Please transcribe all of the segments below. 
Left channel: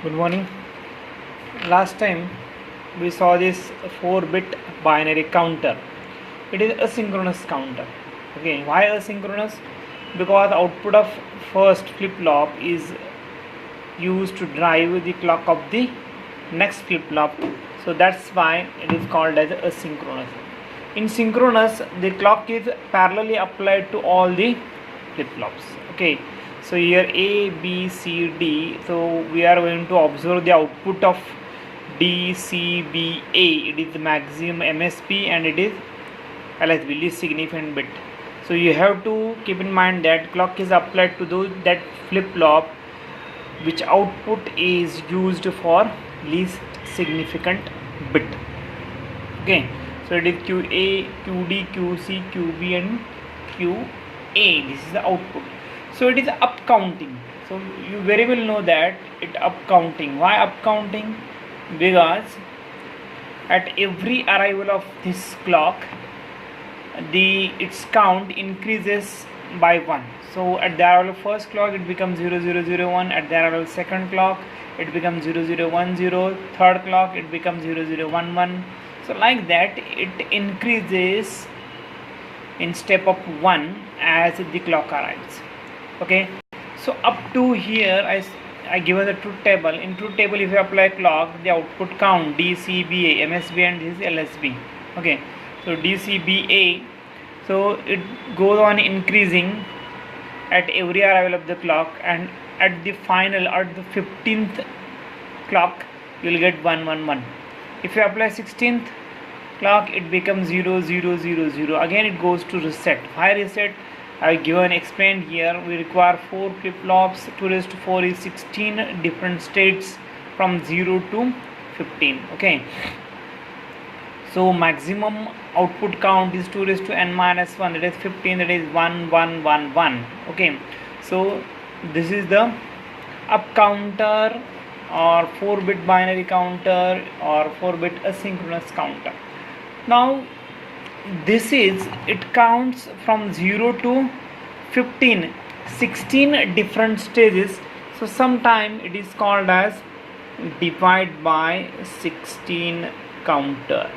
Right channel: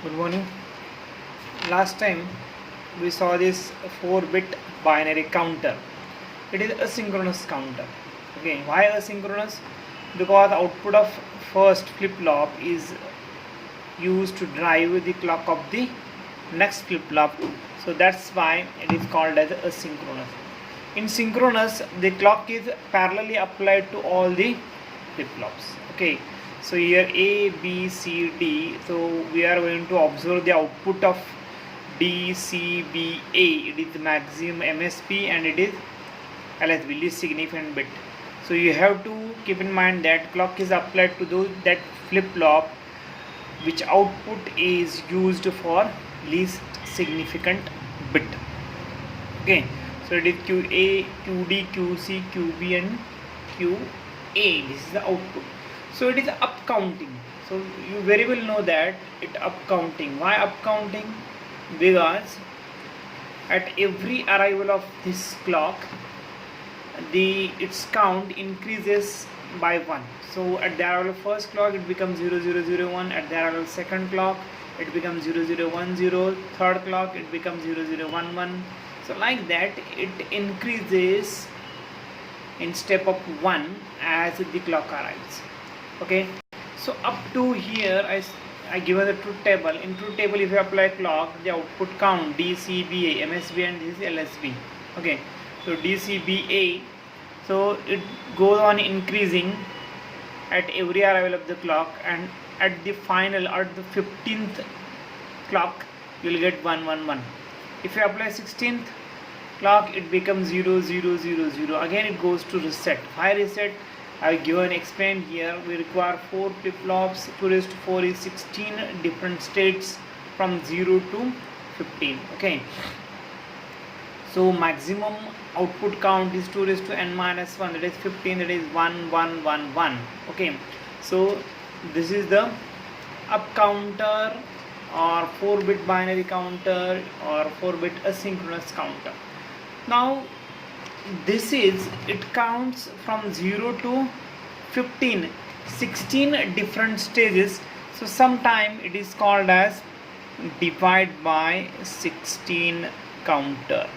Good morning. Last time we saw this 4-bit binary counter. It is asynchronous counter. Okay, why asynchronous? Because the output of first flip-flop is used to drive the clock of the next flip-flop. So that's why it is called as asynchronous. In synchronous, the clock is parallelly applied to all the flip-flops. Okay, so here A, B, C, D. So we are going to observe the output of D, C, B, A. It is the maximum MSB and it is LSB, least significant bit. So you have to keep in mind that clock is applied to that flip-flop which output is used for least significant bit. Okay, so it is QA, QD, QC, QB and QA. This is the output. So it is up counting. So you very well know that it up counting. Why up counting? Because at every arrival of this clock, its count increases by 1. So at the arrival of first clock it becomes 0001, at the arrival of second clock it becomes 0010, third clock it becomes 0011. So like that it increases in step of 1 as the clock arrives. Okay, so up to here I given the truth table. In truth table, if you apply clock, the output count D, C, B, A, MSB and this is LSB. Okay, so D, C, B, A. So it goes on increasing at every arrival of the clock, and at the final, at the 15th clock, you will get 111. If you apply 16th clock, it becomes 0000. Again, it goes to reset. Why reset? I have explained here. We require 4 flip-flops. 2 raised to 4 is 16 different states from 0 to 15. Okay, so maximum output count is 2 raised to n minus 1, that is 15, that is 1111. Okay, so this is the up counter or 4-bit binary counter or 4-bit asynchronous counter. Now it counts from 0 to 15, 16 different stages. So sometime it is called as divide by 16 counter.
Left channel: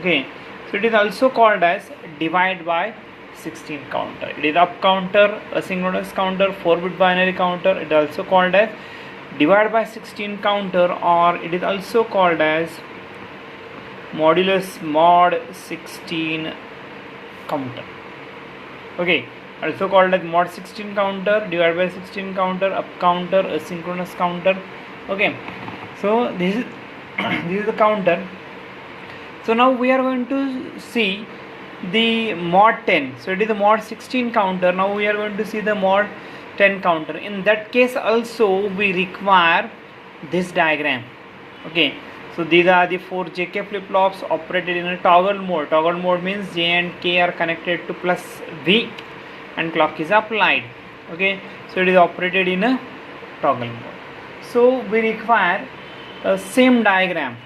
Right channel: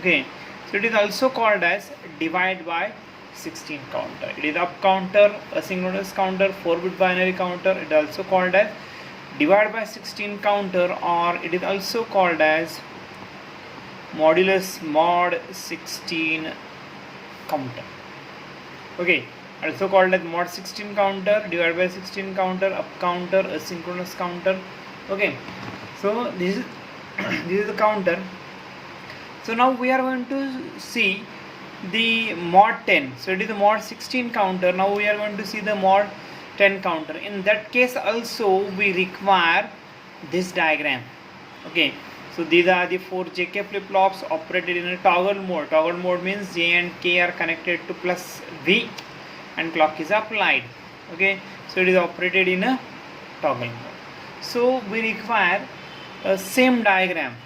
Okay, so it is also called as divide by 16 counter. It is up counter, asynchronous counter, 4-bit binary counter. It is also called as divide by 16 counter, or it is also called as modulus mod 16 counter. Okay, also called as mod 16 counter, divide by 16 counter, up counter, asynchronous counter. Okay, so this is this is the counter. So now we are going to see the mod 10. So it is the mod 16 counter. Now we are going to see the mod 10 counter. In that case also we require this diagram. Okay, so these are the 4 JK flip-flops operated in a toggle mode. Toggle mode means J and K are connected to plus V and clock is applied. Okay, so it is operated in a toggle mode. So we require a same diagram.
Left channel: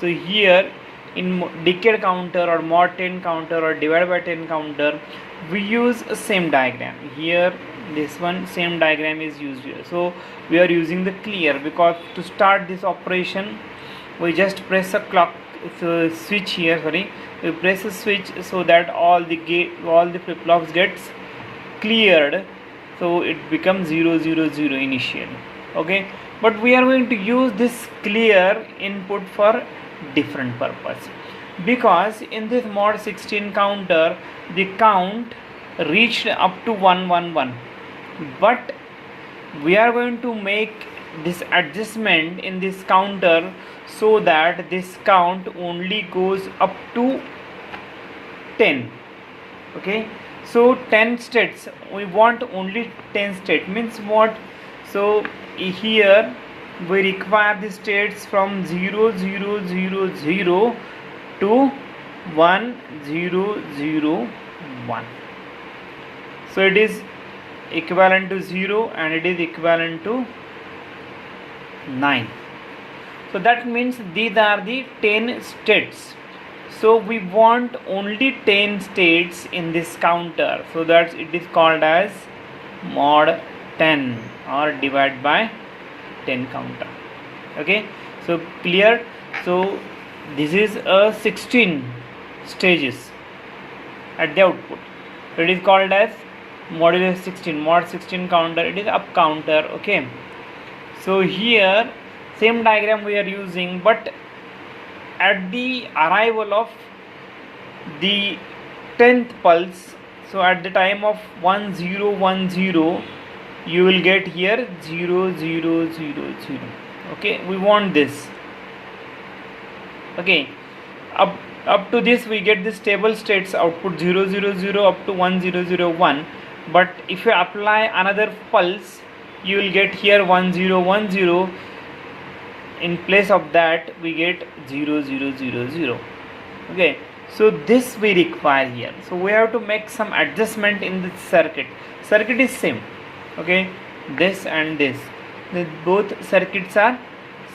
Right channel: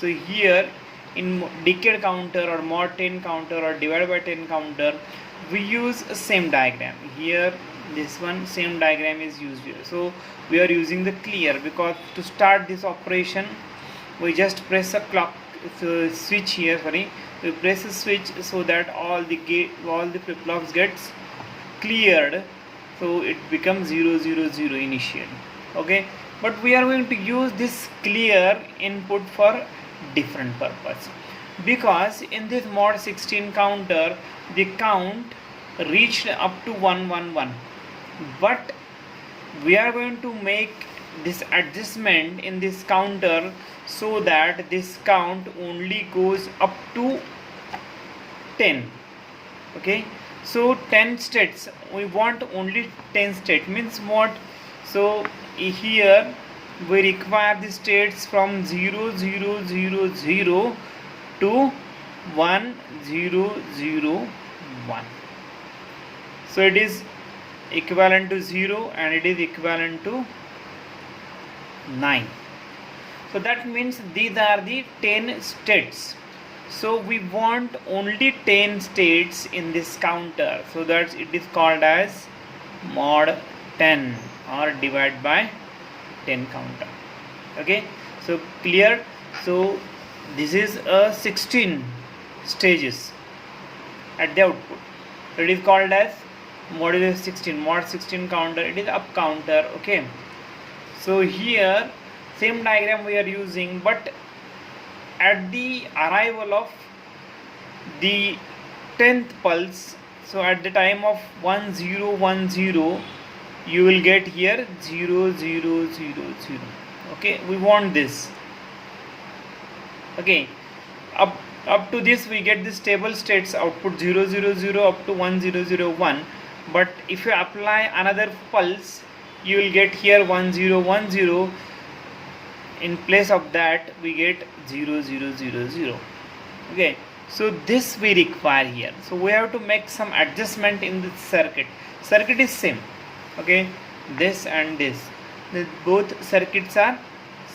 So here in decade counter or mod 10 counter or divide by 10 counter, we use a same diagram. Here this one same diagram is used here. So we are using the clear, because to start this operation we just press a clock switch here. We press a switch so that all the flip-flops gets cleared, so it becomes 000 initially. Okay, but we are going to use this clear input for different purpose, because in this mod 16 counter the count reached up to 111, but we are going to make this adjustment in this counter so that this count only goes up to 10. Okay, so 10 states, we want only 10 states, means what? So here we require the states from 0000 to 1001. So it is equivalent to 0 and it is equivalent to 9. So that means these are the 10 states. So we want only 10 states in this counter, so that it is called as mod 10 or divide by 10 counter. Okay, so clear. So this is a 16 stages at the output. So it is called as modulus 16, mod 16 counter. It is up counter. Okay, so here same diagram we are using, but at the arrival of the 10th pulse, so at the time of 1010, you will get here 0000. Okay, we want this. Okay, up to this we get the stable states output 000 up to 1001, but if you apply another pulse, you will get here 1010. In place of that we get 0000. Okay, so this we require here. So we have to make some adjustment in the circuit. Circuit is same. Okay, this and this, both circuits are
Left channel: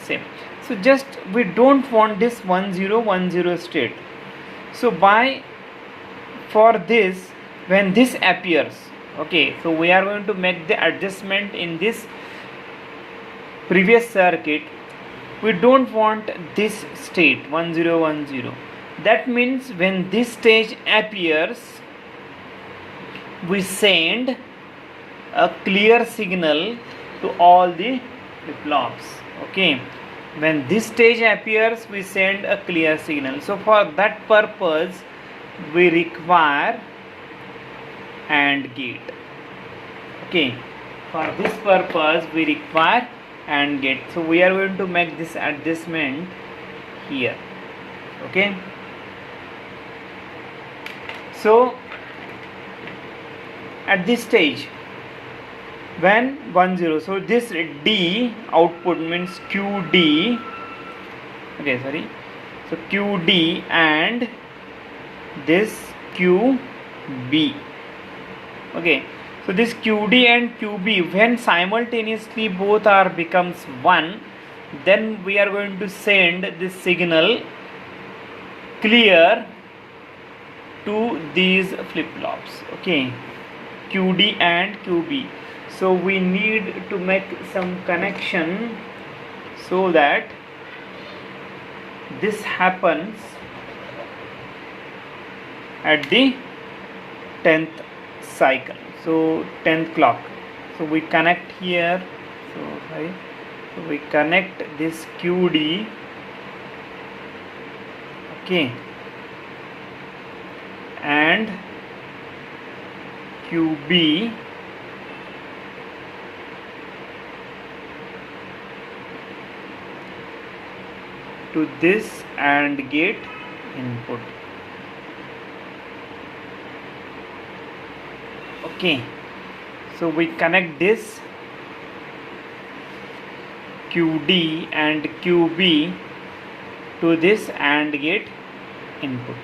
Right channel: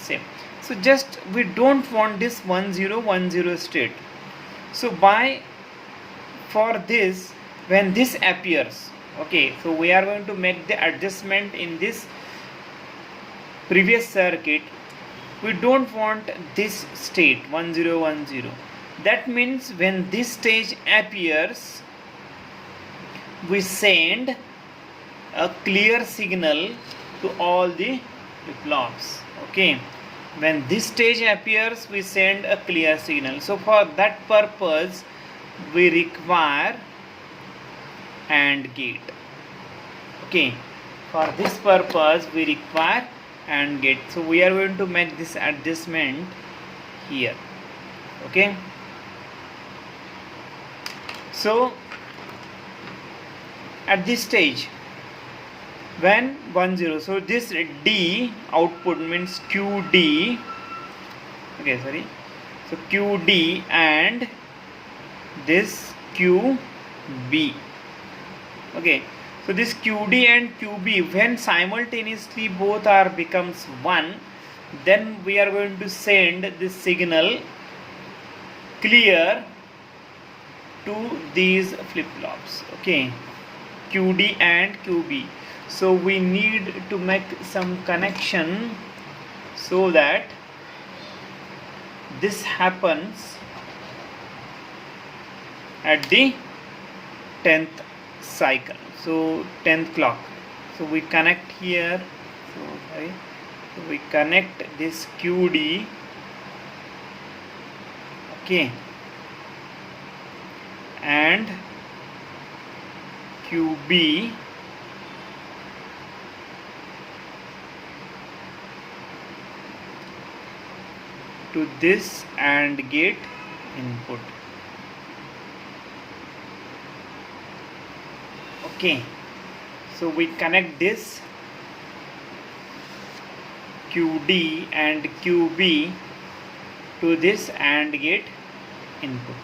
same. So just we don't want this 1010 state. So for this, when this appears, okay, so we are going to make the adjustment in this previous circuit. We don't want this state 1010. That means when this stage appears, we send a clear signal to all the flip-flops. Okay, when this stage appears, we send a clear signal. So for that purpose we require AND gate. Okay, for this purpose we require AND gate. So we are going to make this adjustment here. Okay, so at this stage when 10, so this D output means QD. Okay, sorry, so QD and this QB. Okay, so this QD and QB, when simultaneously both are becomes 1, then we are going to send this signal clear to these flip-flops. Okay, QD and QB. So we need to make some connection so that this happens at the 10th cycle, so 10th clock. So we connect here. So we connect this QD. Okay, and QB to this AND gate input. Okay, so we connect this QD and QB to this AND gate input.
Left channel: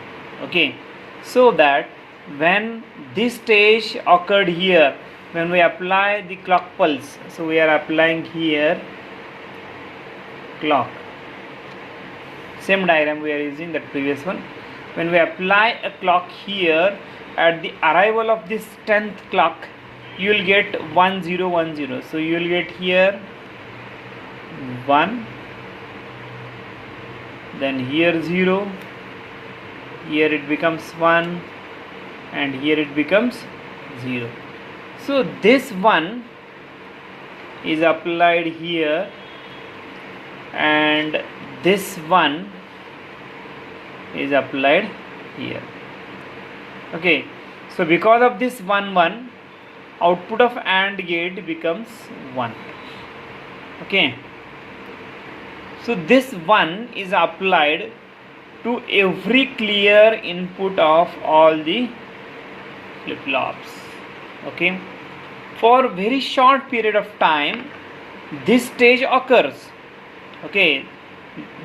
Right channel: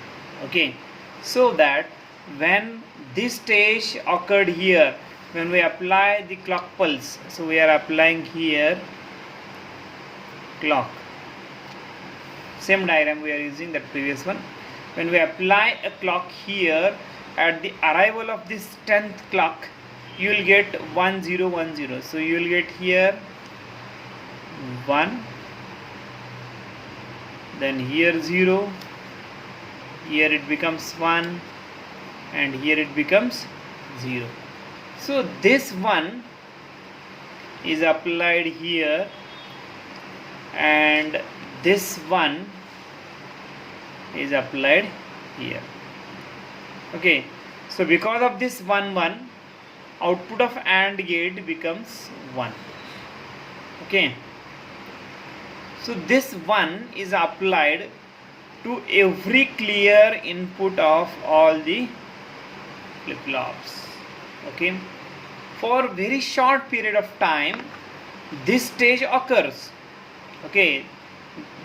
Okay, so that when this stage occurred here, when we apply the clock pulse, so we are applying here clock, same diagram we are using, that previous one. When we apply a clock here, at the arrival of this 10th clock, you will get 1010. So you will get here 1, then here 0, here it becomes 1, and here it becomes 0. So this 1 is applied here, and this 1 is applied here. Okay, so because of this 1 1, output of AND gate becomes 1. Okay, so this 1 is applied to every clear input of all the flip-flops. Okay, for very short period of time this stage occurs. Okay,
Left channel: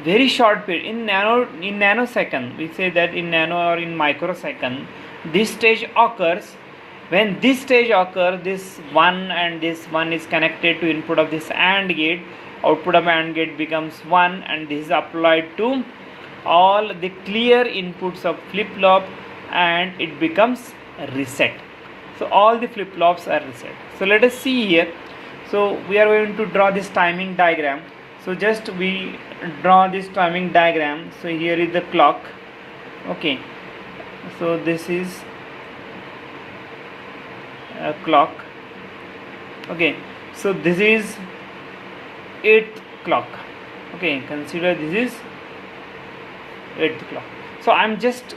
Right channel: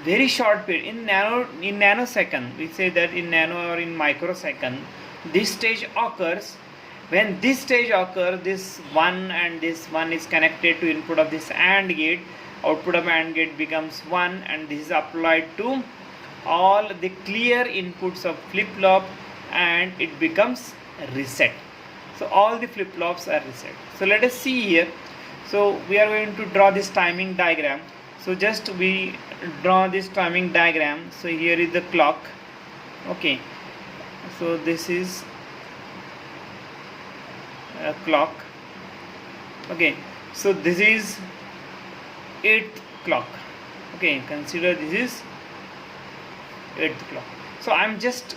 very short period, in nanosecond, we say that in nano or in microsecond this stage occurs. When this stage occurs, this 1 and this 1 is connected to input of this AND gate. Output of AND gate becomes 1, and this is applied to all the clear inputs of flip-flop, and it becomes reset. So all the flip-flops are reset. So let us see here. So we are going to draw this timing diagram. So just we draw this timing diagram. So here is the clock. Okay, so this is a clock. Okay, so this is 8th clock. Okay, consider this is 8th clock. So I'm just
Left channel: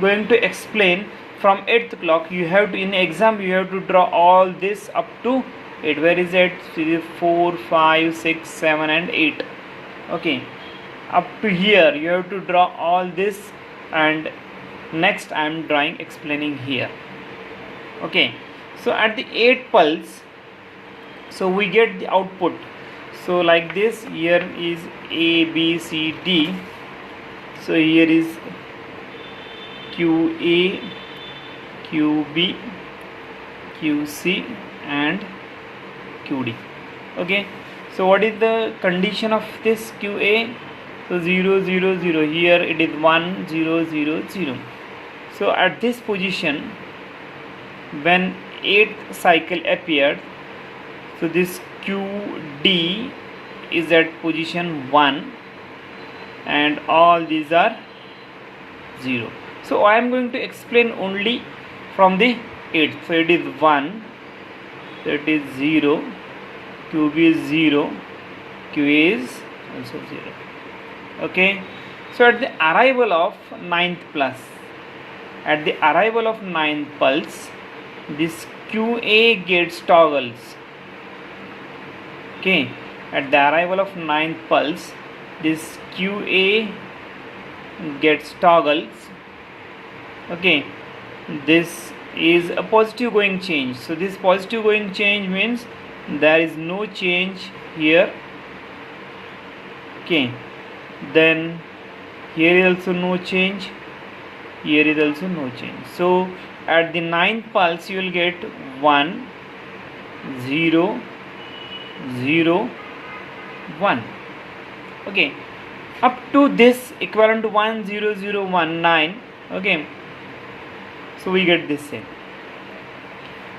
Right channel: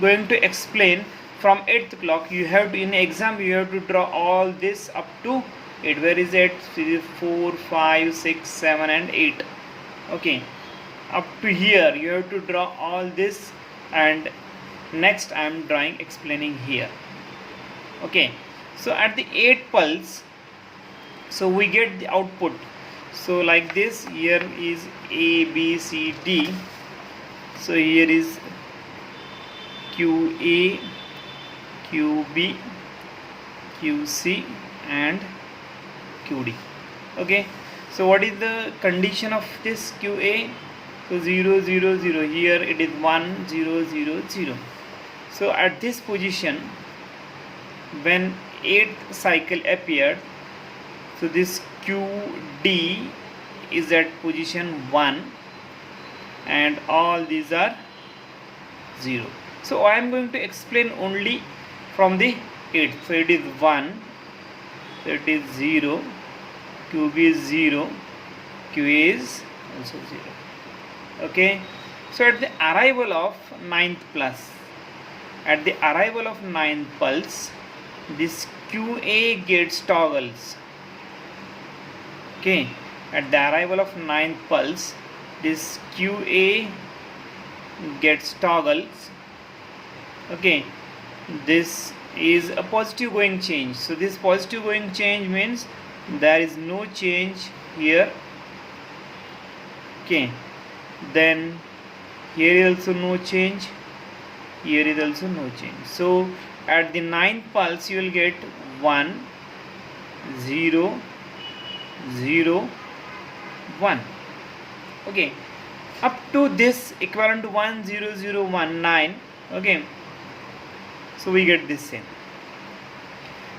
going to explain from 8th clock. You have to, in exam you have to draw all this up to 8. Where is it? 3, 4, 5, 6, 7 and 8. Okay, up to here you have to draw all this, and next I am drawing explaining here. Okay, so at the 8th pulse, so we get the output. So like this, here is A, B, C, D. So here is QA, QB, QC and QD. Okay, so what is the condition of this QA? So 0 0 0, here it is 1 0 0 0. So at this position, when 8th cycle appeared, so this QD is at position 1 and all these are 0. So I am going to explain only from the 8th. So it is 1, so it is 0, QB is 0, QA is also 0. Okay, so at the arrival of 9th pulse, at the arrival of 9th pulse, this QA gets toggles. Okay, at the arrival of 9th pulse, this QA gets toggles. Okay, this is a positive going change. So this positive going change means there is no change here. Okay, then here is also no change, here is also no change. So at the 9th pulse you will get 1 0 0 1. Okay, up to this equivalent to 1 0 0 1 9. Okay, so we get this same.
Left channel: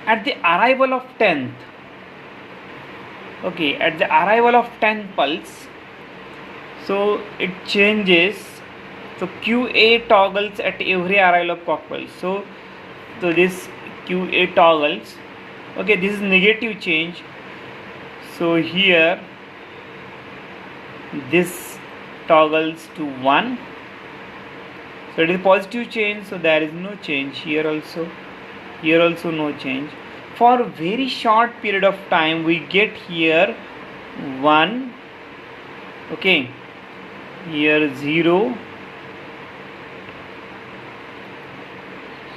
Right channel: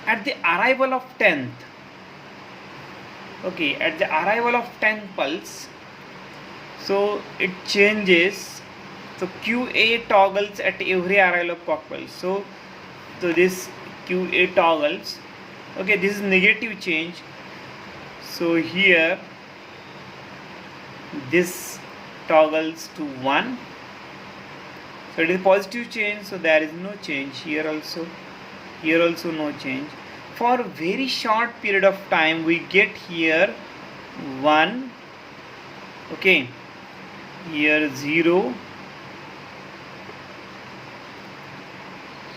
At the arrival of 10th, okay, at the arrival of 10th pulse, so it changes. So QA toggles at every arrival of clock pulse. So this QA toggles. Okay, this is negative change. So here this toggles to 1. So it is positive change, so there is no change here also no change. For a very short period of time we get here 1, okay, here 0,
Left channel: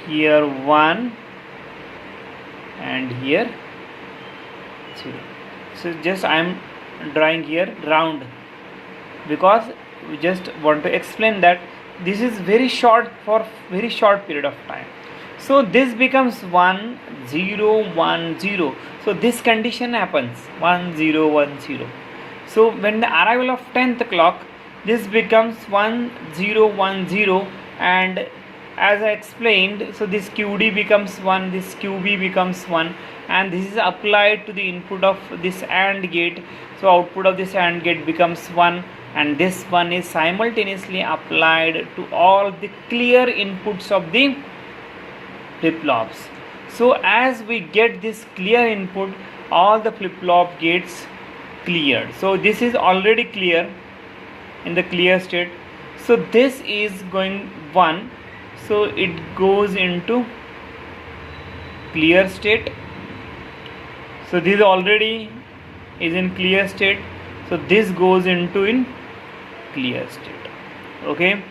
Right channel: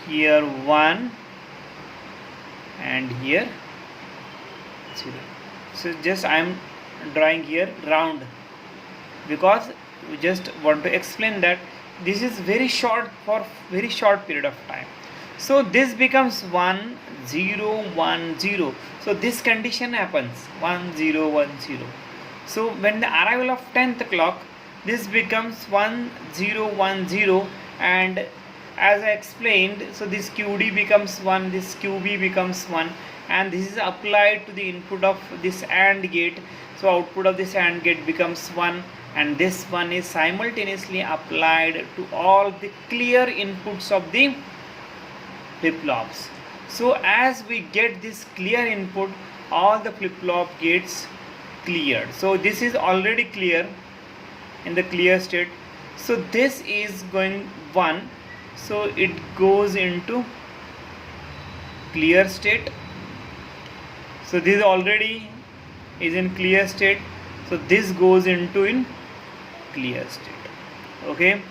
here 1 and here 0. So just I am drawing here round because we just want to explain that this is very short, for very short period of time. So this becomes 1 0 1 0. So this condition happens 1 0 1 0. So when the arrival of 10th clock, this becomes 1 0 1 0, and as I explained, so this QD becomes 1, this QB becomes 1, and this is applied to the input of this AND gate. So output of this AND gate becomes 1, and this one is simultaneously applied to all the clear inputs of the flip-flops. So as we get this clear input, all the flip-flop gets cleared. So this is already clear in the clear state. So this is going 1, so it goes into clear state. So this already is in clear state, so this goes into in clear state. Okay,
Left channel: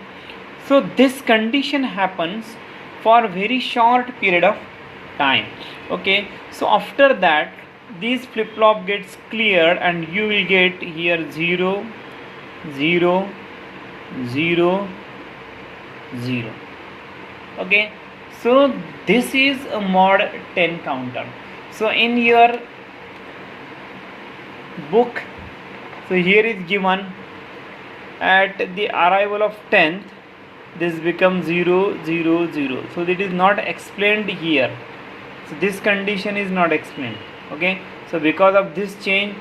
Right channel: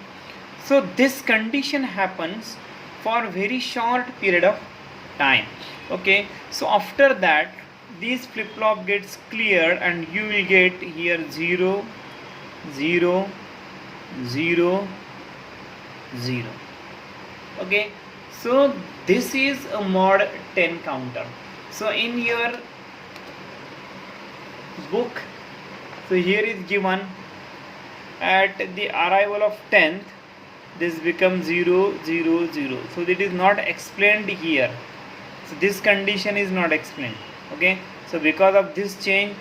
so this condition happens for a very short period of time. Okay, so after that this flip-flop gets cleared and you will get here 0 0 0 0. Okay, so this is a mod 10 counter. So in your book, so here is given at the arrival of 10th, this becomes 0 0 0. So it is not explained here. So this condition is not explained. Okay, So because of this change,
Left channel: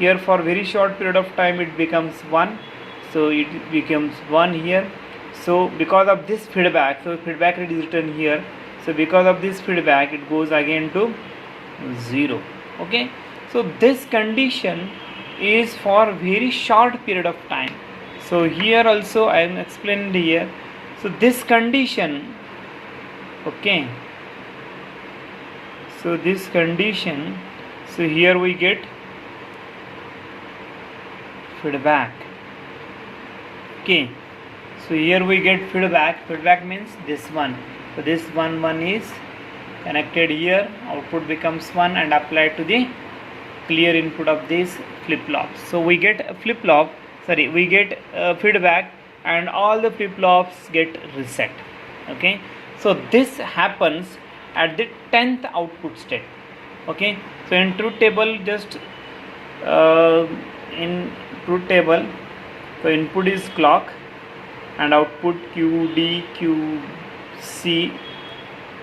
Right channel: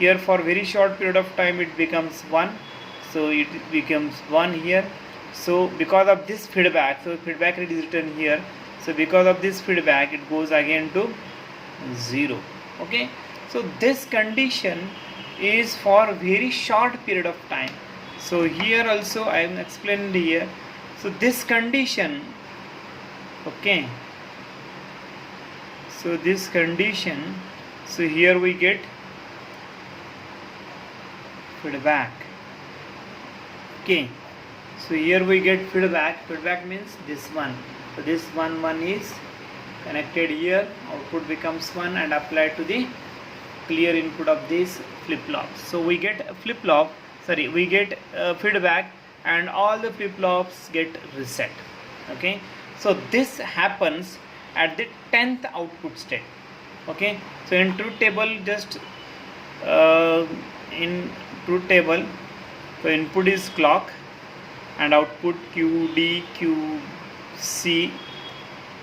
here for very short period of time it becomes 1, so it becomes 1 here. So because of this feedback, so feedback rate is written here, so because of this feedback it goes again to 0. Okay, so this condition is for very short period of time. So here also I am explained here. So this condition, okay, so this condition, so here we get feedback. Okay, so here we get feedback means this one. So this one is connected here, output becomes 1 and applied to the clear input of this flip-flop. So we get a flip-flop, sorry, we get feedback and all the flip-flops get reset. Okay, so this happens at the 10th output state. Okay, so in truth table, just in truth table, so input is clock and output QD, QC,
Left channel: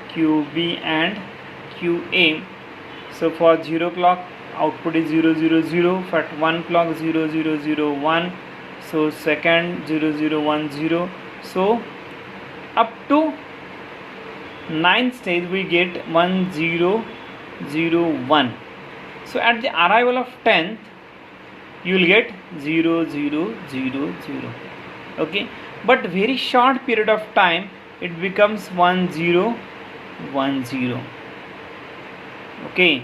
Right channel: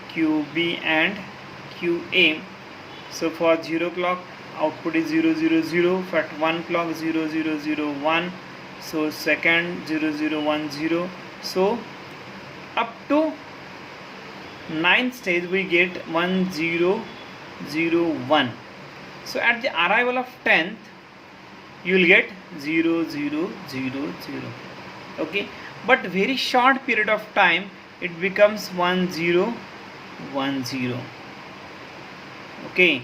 QB and QA. So for 0 clock output is 0 0 0, for 1 clock 0 0 0 1, so second 0 0 1 0. So up to 9th stage we get 1 0 0 1. So at the arrival of 10th you will get 0 0 0 0. Okay, but very short period of time it becomes 1 0 1 0. Okay,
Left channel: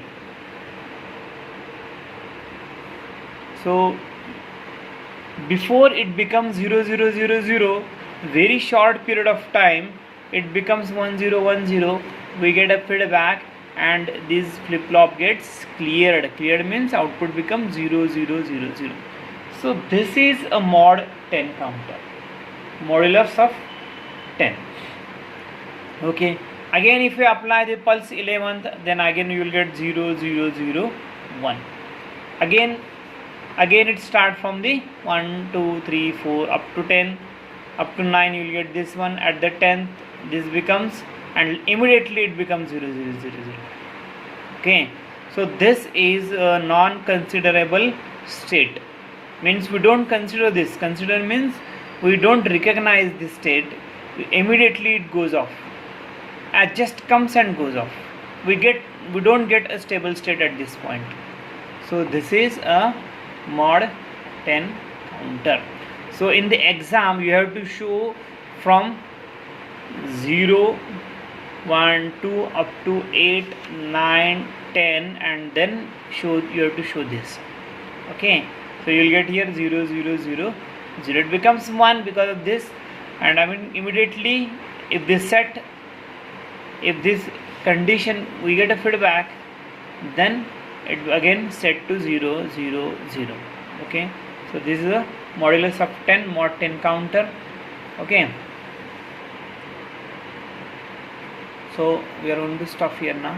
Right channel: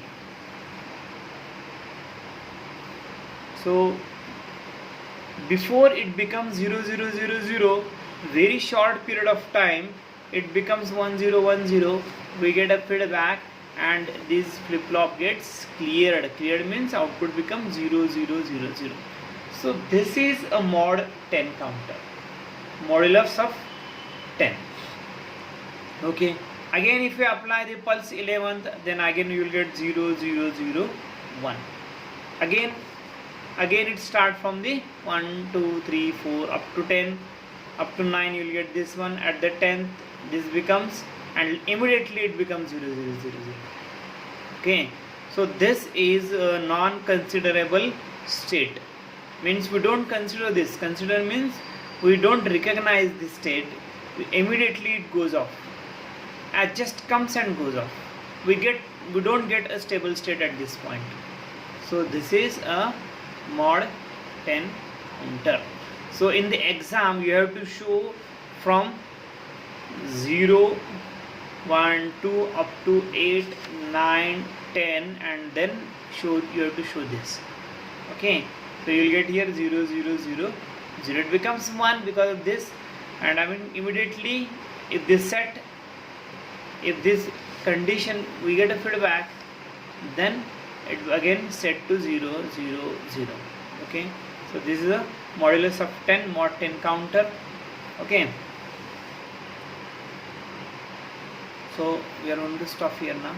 so before it becomes 0 0 0 0, very short period of time it becomes 1 0 1 0, we get a feedback and this flip-flop gets cleared. Cleared means output becomes 0 0 0 0. So this is a mod 10 counter, modulus of 10. Okay, again if you apply the pulse 11th, then again you will get 0 0 0 1. Again it start from the 1 2 3 4 up to 10, up to 9 you will get this one. At the 10th this becomes, and immediately it becomes 0 0 0 0. Okay, so this is a non-considerable state, means we don't consider this. Consider means we don't recognize this state, immediately it goes off, it just comes and goes off. We don't get a stable state at this point. So this is a mod 10 counter. So in the exam you have to show from 0 1 2 up to 8 9 10 and then you have to show this. Okay, so you will get here 0 0 0 0, it becomes 1 because of this, and I mean immediately if this condition we get a feedback, then it again set to 0 0 0. Okay, so this is a modulus of 10 mod 10 counter. Okay, so we are going to stop here now.